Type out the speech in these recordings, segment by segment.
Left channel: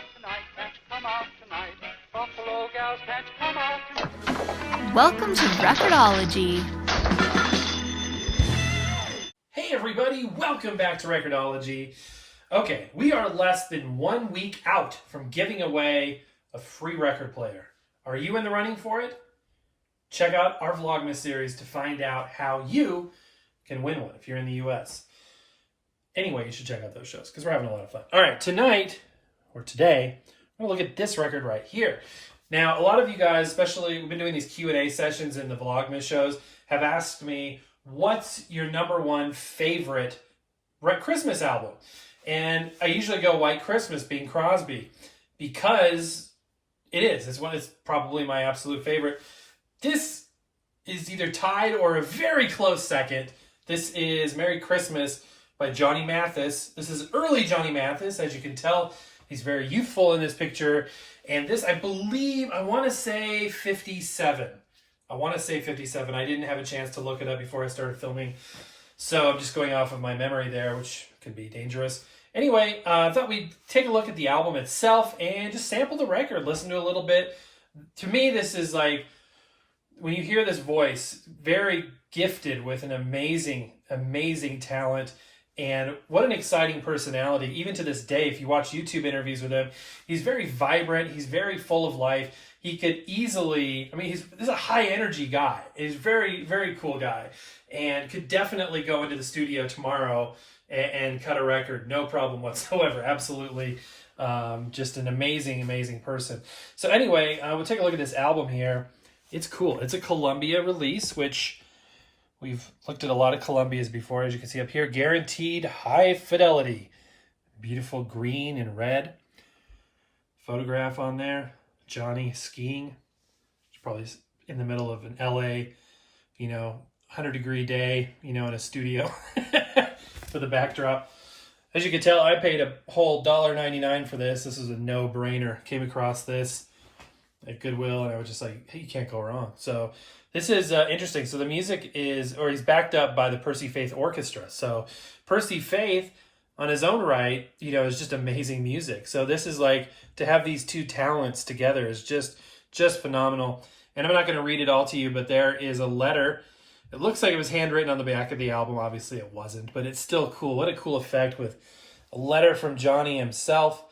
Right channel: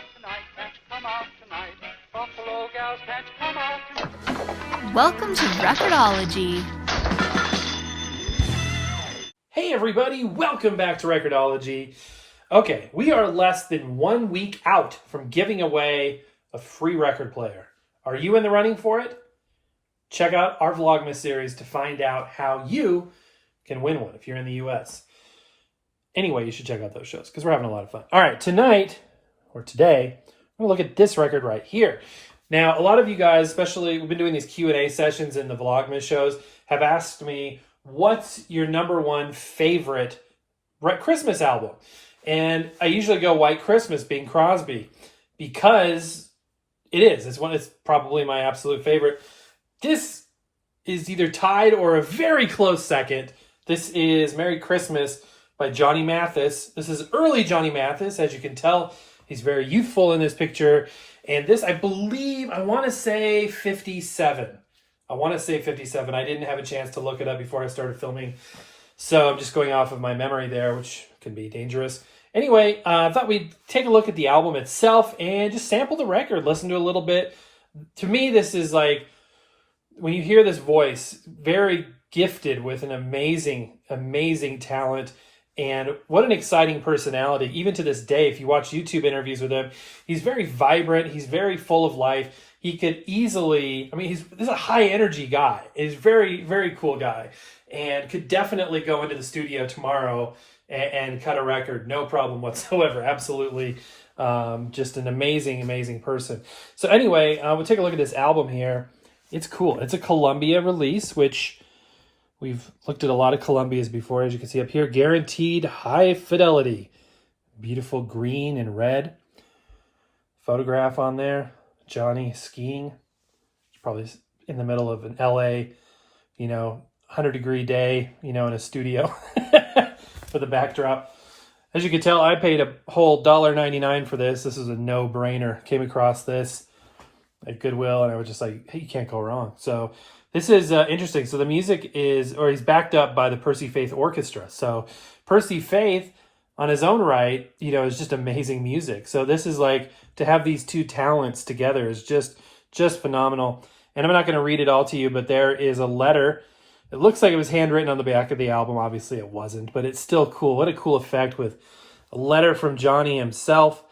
out tonight, can't you come out tonight? Buffalo gals, can't you come out tonight? Welcome to Record-ology. Hey everybody, welcome back to Record-ology. Okay, we are less than 1 week out from giving away a free record player. Are you in the running for it? Check out our Vlogmas series to find out how you can win one if you're in the US. Anyway, you should check out those shows because we're having a lot of fun. All right, tonight, or today, we're going to look at this record right here. Now, a lot of you guys, especially, we've been doing these Q&A sessions in the Vlogmas shows, have asked me, what's your number one favorite Christmas album? And I usually go White Christmas, Bing Crosby, because it is. It's probably my absolute favorite. This is either tied or a very close second. This is Merry Christmas by Johnny Mathis. This is early Johnny Mathis. As you can tell, he's very youthful in this picture. And this, I believe, I want to say 57. I didn't have a chance to look it up before I started filming. So I'm just going off of my memory there, which can be dangerous. Anyway, I thought we'd take a look at the album itself and just sample the record, listen to a little bit. To me, this is like, when you hear this voice, very gifted with an amazing, amazing talent. And what an exciting personality. Even to this day, if you watch YouTube interviews with him, he's very vibrant. He's very full of life. He could easily, this is a high energy guy. He's a very, very cool guy and could definitely go into the studio tomorrow and cut a record. No problem whatsoever. Absolutely. Just an amazing, amazing person. So anyway, we'll take a look at this album here. It's cool. It's a Columbia release, which we've looked at a lot of Columbias before, as you can see up here. Guaranteed high fidelity. Beautiful green and red. Photograph on there. Johnny skiing. It's probably in the middle of an LA, 100-degree day, in a studio for the backdrop. As you can tell, I paid a whole $1.99 for this. This is a no-brainer. Came across this at Goodwill, and I was just like, hey, you can't go wrong. So this is interesting. So the music he's backed up by the Percy Faith Orchestra. So Percy Faith, on his own right, is just amazing music. So this is like, to have these two talents together is just phenomenal. And I'm not going to read it all to you, but there is a letter. It looks like it was handwritten on the back of the album. Obviously it wasn't, but it's still cool. What a cool effect with a letter from Johnny himself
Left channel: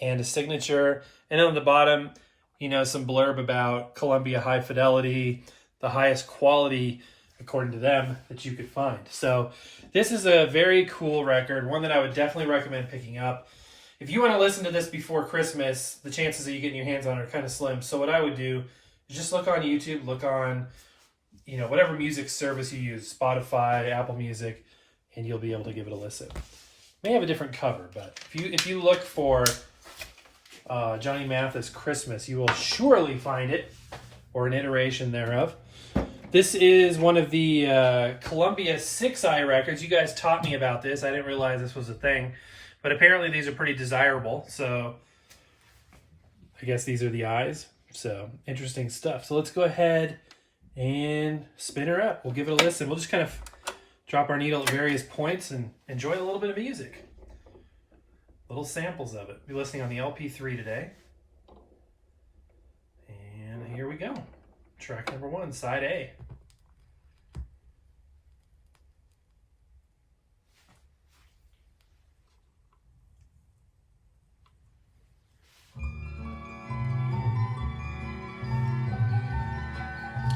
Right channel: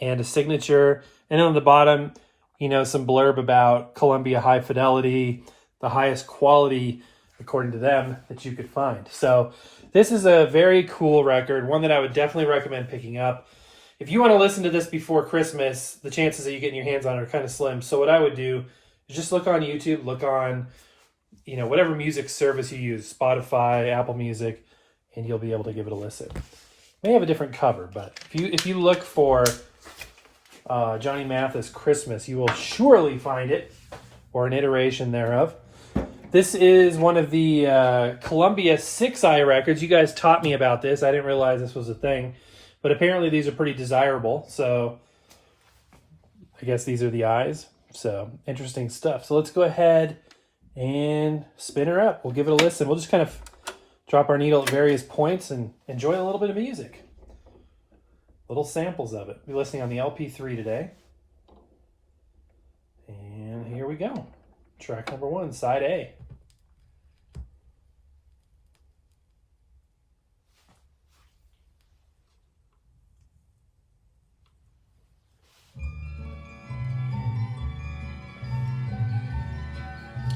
and a signature. And on the bottom, some blurb about Columbia high fidelity, the highest quality, according to them, that you could find. So this is a very cool record, one that I would definitely recommend picking up. If you want to listen to this before Christmas, the chances that you getting your hands on it are kind of slim. So what I would do is just look on YouTube, look on, whatever music service you use, Spotify, Apple Music, and you'll be able to give it a listen. May have a different cover, but if you look for Johnny Mathis Christmas, you will surely find it, or an iteration thereof. This is one of the Columbia 6-eye records. You guys taught me about this. I didn't realize this was a thing, but apparently these are pretty desirable. So I guess these are the eyes. So interesting stuff. So let's go ahead and spin her up. We'll give it a listen. We'll just kind of drop our needle at various points and enjoy a little bit of music. Little samples of it. We'll be listening on the LP3 today. And here we go. Track number 1, side A.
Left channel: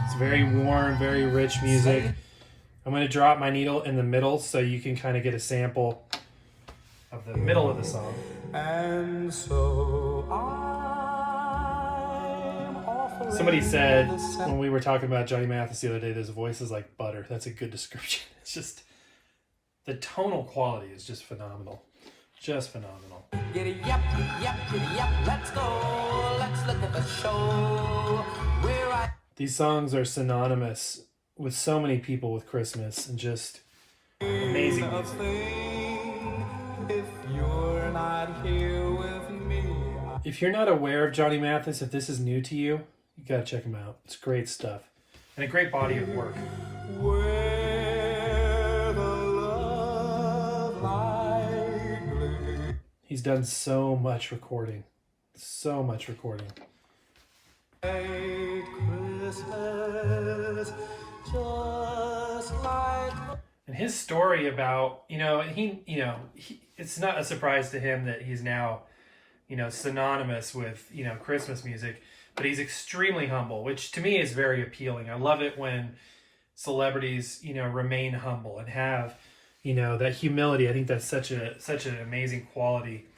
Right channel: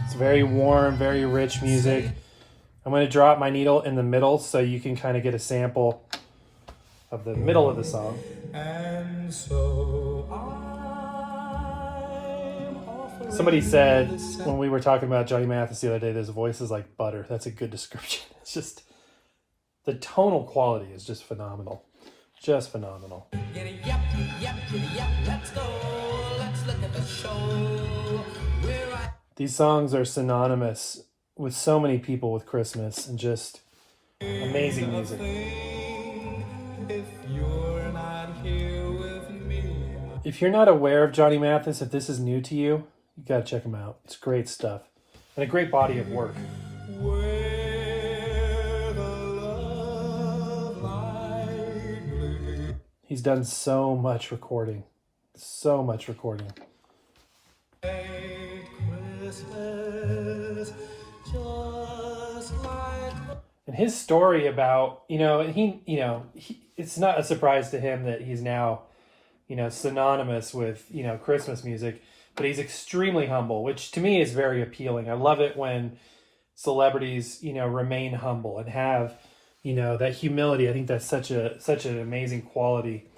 It's very warm, very rich music. I'm going to drop my needle in the middle so you can kind of get a sample of the middle of the song. And so somebody said when we were talking about Johnny Mathis the other day, his voice is like butter. That's a good description. It's just, the tonal quality is just phenomenal. Just phenomenal. Giddy up, let's go. Let's look at the show. These songs are synonymous with so many people with Christmas and just amazing music. If you're not here with me. If you're not aware of Johnny Mathis, if this is new to you, you gotta check him out. It's great stuff and a great body of work. Where the love light gleams. He's done so much recording. So much recording. Christmas, just like And his story about, it's not a surprise to him that he's now, synonymous with, Christmas music, but he's extremely humble, which to me is very appealing. I love it when celebrities, remain humble and have, that humility. I think that's such an amazing quality.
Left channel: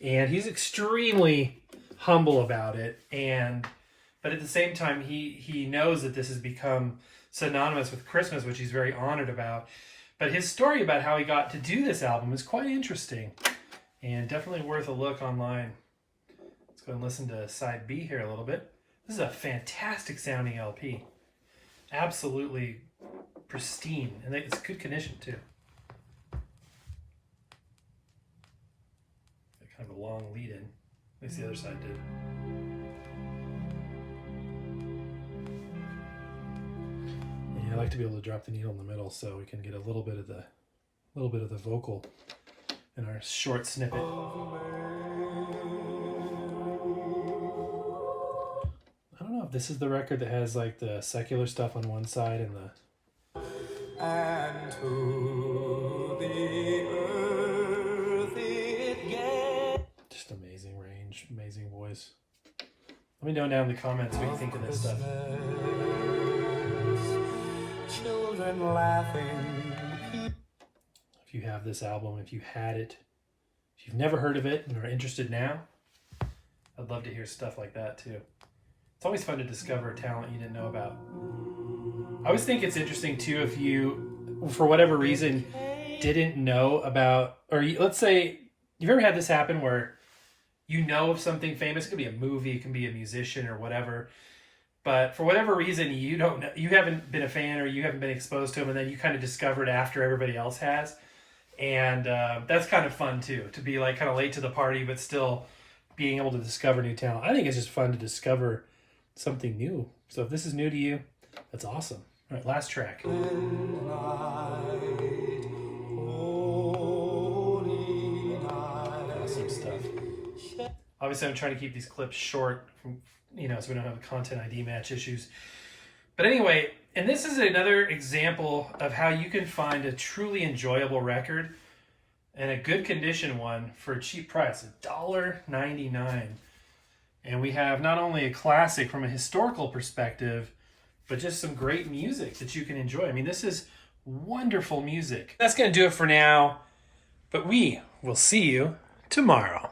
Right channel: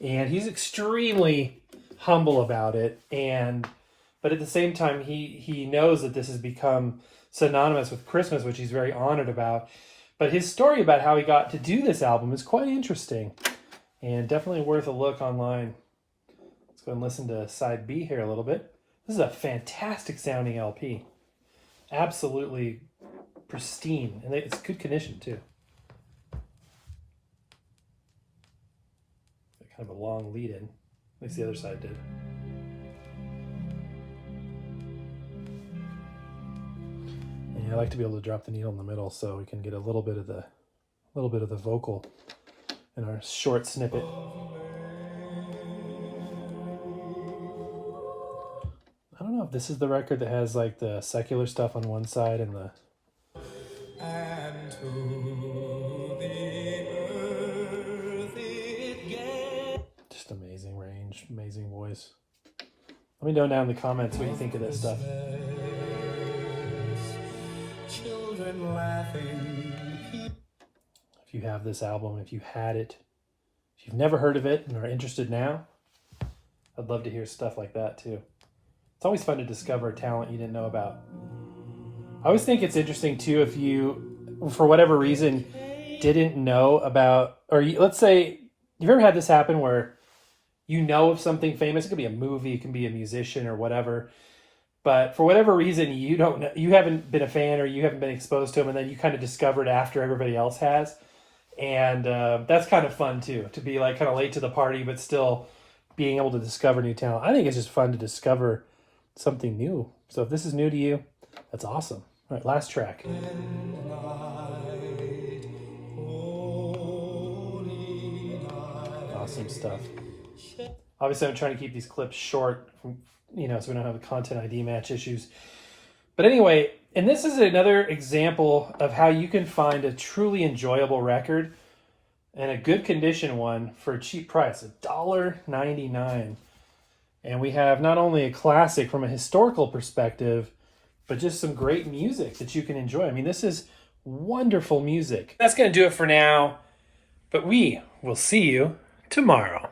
And he's extremely humble about it. But at the same time, he knows that this has become synonymous with Christmas, which he's very honored about. But his story about how he got to do this album is quite interesting and definitely worth a look online. Let's go and listen to side B here a little bit. This is a fantastic sounding LP. Absolutely pristine. And it's good condition too. Kind of a long lead in. At least the other side did. I like to be able to drop the needle in the middle so we can get a little bit of the vocal in our short snippet. I don't know if this is the record that has like the secular stuff on one side and the and to the earth it gave. just amazing range, amazing voice. Let me know down in the comments what you think of this stuff. Children laughing. If you have this album, if you had it, if you've never heard of it and are interested now, I'd love to hear stuff like that too. It's always fun to discover talent you didn't know about. I always think it's interesting too if you, for whatever reason, didn't know about, let's say, you've ever had this happen where you know of something famous? It could be a movie, it can be a musician or whatever. But for whatever reason, you don't know, you haven't been a fan or you haven't been exposed to them, and then you kind of discovered after everybody else has. And that's kind of fun too, to be like kind of late to the party, but still being able to discover new talent. I think it's just fun to discover something new. So if this is new to you, that's awesome. All right, last track. Awesome stuff. Obviously, I'm trying to keep these clips short, so we don't have content ID match issues. But anyway, and this is another example of how you can find a truly enjoyable record and a good condition one for a cheap price, $1.99. And we have not only a classic from a historical perspective, but just some great music that you can enjoy. I mean, this is wonderful music. That's going to do it for now, but we will see you tomorrow.